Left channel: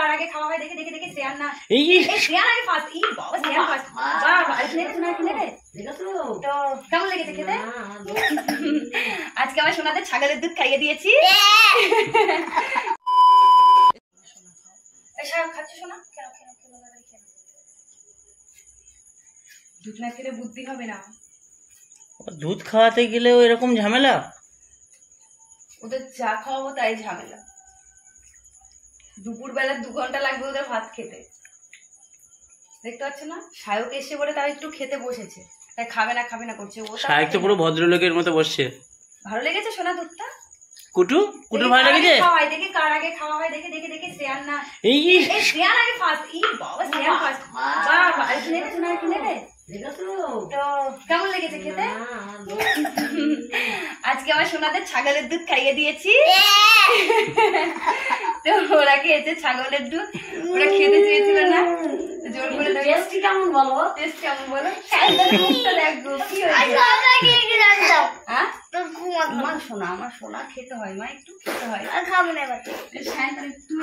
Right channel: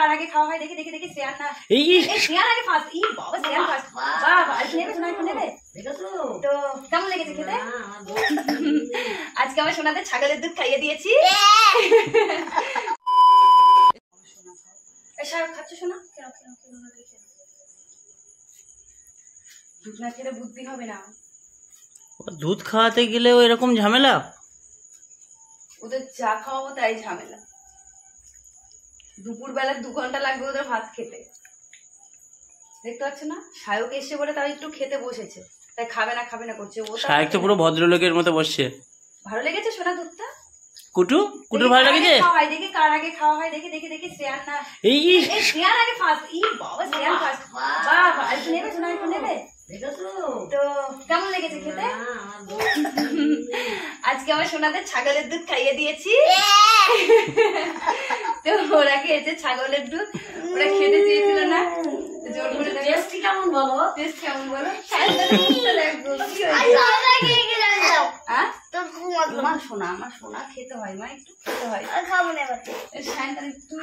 কার আগে খাওয়া হয় দেখে দেখে দেখে শ্রেয়ান না এই শ্রেয়ান আগে ফার্স্ট এই বাবা শ্রেয়ান ফার্স্ট বাবা আর নেবে শোনা একটু নেবে তো কেমন লেগেছে খেতে আজকে আমার সোনাদের ছাগলের দুধ খাইয়ে দিয়েছি খাচ্ছে শোনা কেন কেন কেন দুধ না খেলে বুদ্ধি হবে না দুধ খাওয়াতে গেলেও এরকম ঝামেলা ওদের চা খাওয়াবো তাই ঝামেলা দুপুর বেলা 2 ঘন্টা লাগবে ওদের ভাত খেতে দেখতে পাচ্ছ না সায়ক এসে বলে তার একটু খেতে বসেছে তাই খাবে না করছে ও সায়ক তো পুরো ভদ্রলোকের মতো বসছে ভালো লেগেছে সোনা দুধটা কুটু ভালো লেগেছে খাওয়াই দেখে কার আগে খাওয়া হয় দেখে দেখে দেখে শ্রেয়ান না এই শ্রেয়ান আগে ফার্স্ট এই বাবা শ্রেয়ান ফার্স্ট বাবা আর নেবে সোনা একটু নেবে তো কেমন লেগেছে খেতে আজকে আমার সোনাদের ছাগলের দুধ খাইয়ে দিয়েছি তো ওরা খেয়েছে ছাগলের দুধ ওরা খেতে চেয়েছিল না জোর করে টেস্ট কেমন বলো দেখো কি আমার সোনা খেতে হয় মা একটু খেতে হয় আর খাবো না সায়ন্তন তুই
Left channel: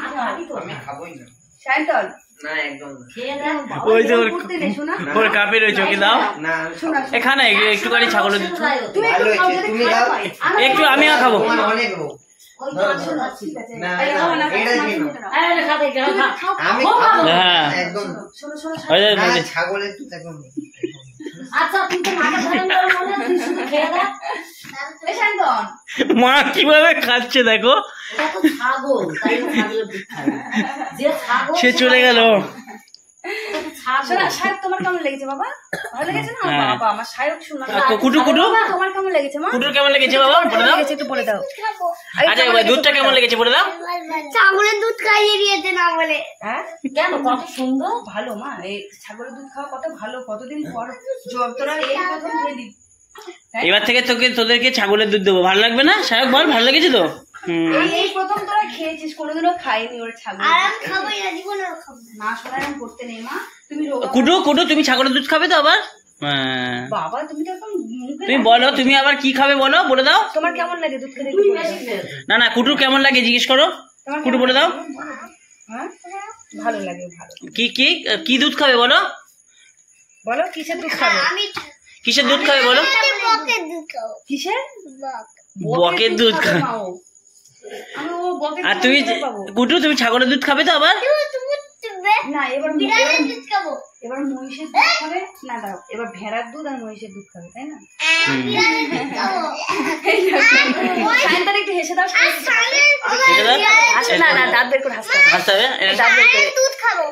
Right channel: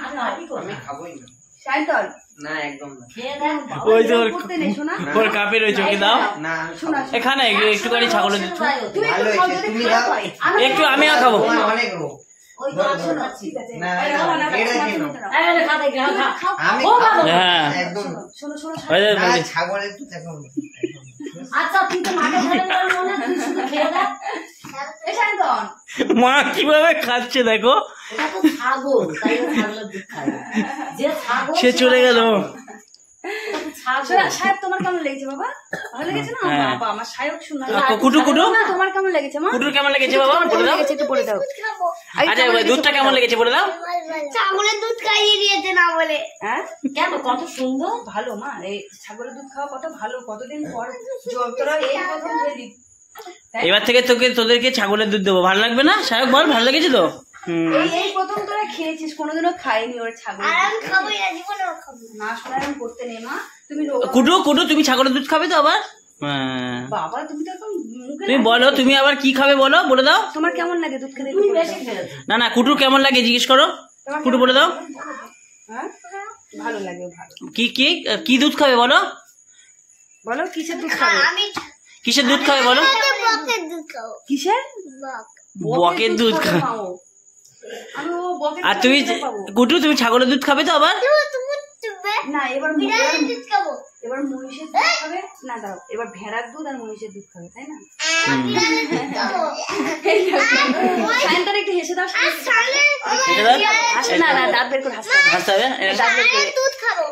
আমি খাবোই না সায়ন্তন না একদম না ওই যে ওর কাপে রয়েছে ওকে দাও না এখানে একটুখানি ছাগলের দুধ তুমি দাও একটু আমি খাবো অনেক ওই ঠিক আছে না একদম শোনো ছাগলের দুধ একদম আচ্ছা তুই তো মাকে ধরে না তুই শুধু খেয়ে দে মা কিভাবে খাচ্ছে দেখো সে চলে গেল তোমার কেমন লেগেছে বাবা ভালো লেগেছে না বাবা আমার সায়ক শোনা কুটু তোমার কেমন লেগেছে মা কুটুর কেমন লেগেছে বাবা বলে দাও একটু বলে দাও আচ্ছা দুধটা কেমন লেগেছে বলে দাও ছাগলের দুধ খাইয়ে দিয়েছে না বলে কেন কত সুন্দর ভালো মা এই ছাগলের দুধ খাওয়া কত ভালো কতদিন পর তোরা এই প্রথম খেলি এবার থেকে তোদেরকে ছাগলের দুধ দেবো ভালো লাগবে না সাহেব বল ভালো লেগেছে তো এই প্রথম তোরা খেয়েছিস কোনোদিনও খাইনি ওর ছাগল আর আমি খাবো না জীবনেও খাবো না শোনা আমি করতে নেই মা তুমি কুটু তুমি ছাগলের দুধ খাবে তো আবার বাবা তুমি তো এখন তুমি বলো তুমি আবার কি খাবে বলো বলে দাও তোমার কেমন লাগে দুধ খেতে না কুটু কেমন লাগে জিজ্ঞেস করো কুটু বলে দাও হ্যাঁ ভালো লাগে ভালো কি দুধ খাবে বলো কিসের দুধ খাবে কিসের দুধ খাবে বলো বকের দুধ খাও কিসের বকের দুধ খাও আর তুমি কুটু তুমি ছাগলের দুধ খাবে তো আবার না এবার দুধ খাবো এবার মহিষের দুধ খাবে না দাও এবার ভেড়ার দুধ আর মহিষের দুধ খাবে তাই না সায়ন্তন একটু হেসে দাও না দাঁত বের করে হাসতে হবে হাসতে হবে দুধ খাবো